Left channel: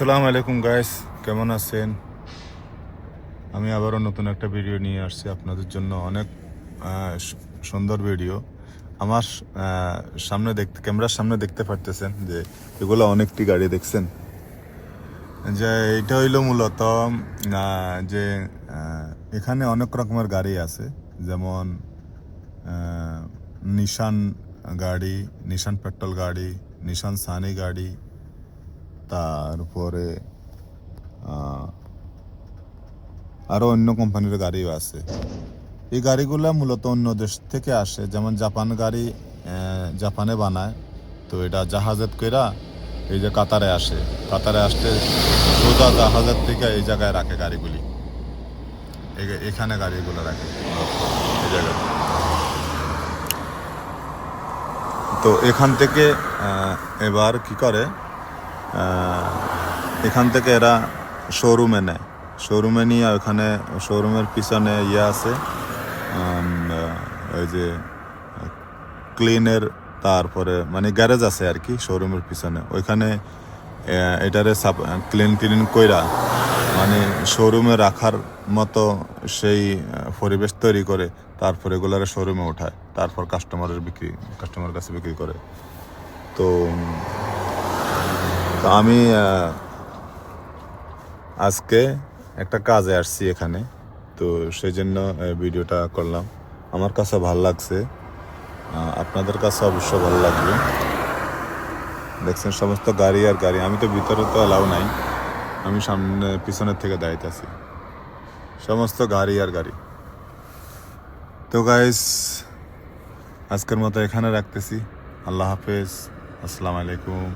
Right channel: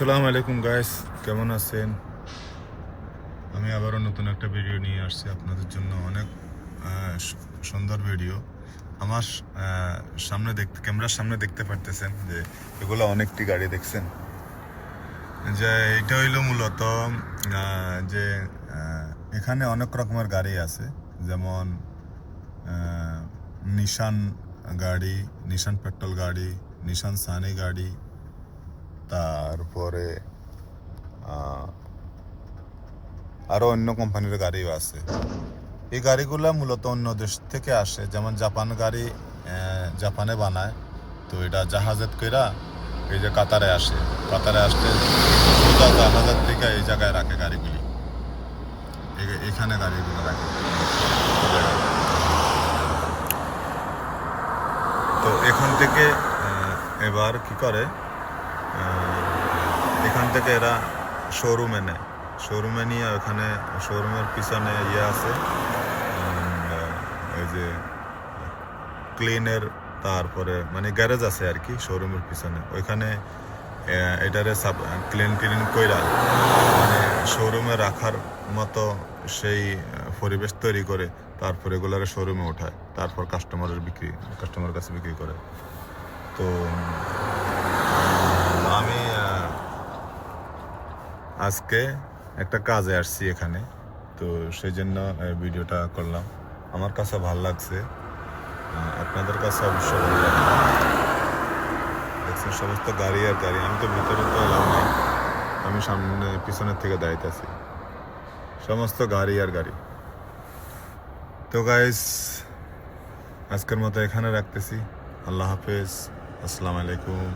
আসসালামু আলাইকুম গাইস, কেমন আছেন? আমি আবারও নতুন একটা ভিডিও নিয়ে আসছি আপনাদের জন্য। অনেক সুন্দর ভিডিও। আমার সামনে ক্যামেরার সামনে দেখতে পারতেছেন যে এগুলো অনেকটি গাড়ি দেখছেন। যে এটা হইলো মূলত যে এখানে অনেক রকমের গাড়ি আছে, যেমন নিশান গাড়ি, নিশান পেট্রোল গাড়ি, নিশান সানি গাড়ি, তারপরে আরও অন্য কোম্পানির গাড়িও আছে। এই গাড়িগুলো মূলত অন্য দেশ থেকে আসে, যেমন জাপান গাড়ি জাপানে বানায়, তো এটা জাহাজের কইরা এই যে কাতারে আসে। কাতারে আসতে সোজা জাহাজের থেকে এই জায়গায় রাখে গাড়িগুলি, এখানে গাড়িগুলো রাখে। তো এখান থেকে এবার কি করে, এখান থেকে এরা শোরুমে নেয়। শোরুমে নিয়ে ওখানে শোরুমের পিছনে আছে এই যে ক্লিনের, তারপরে মানে গ্যারেজ আছে আর কি শোরুমের পিছনে। ওইখানে এটারে ক্লিন কইরা মানে শোরুমে রাখার মতো সেই পরিবেশ তৈরি করে, তারপর এগুলারে শোরুমে ওঠায়, তারপর কাস্টমারের কাছে বিক্রি করে। তো আমি আজকে একটা কাজে আসছি এখানে, তো সেই জন্য ভিডিওটা করলাম। আমার কাছে ভালো লাগছে, আপনাদের কাছে অবশ্য ভালো লাগবে। দেখছেন সমস্ত গাড়ি আর গাড়ি। আমি তো ভিতরে তো অ্যালাউ নাই, আমি সামনে পিছনের থেকে দাঁড়াইতেছি। সমস্ত গাড়ি আর গাড়ি। তো গাইস, আজকের মতো এখানে রাখতেছি। আল্লাহ হাফেজ, আসসালামু আলাইকুম।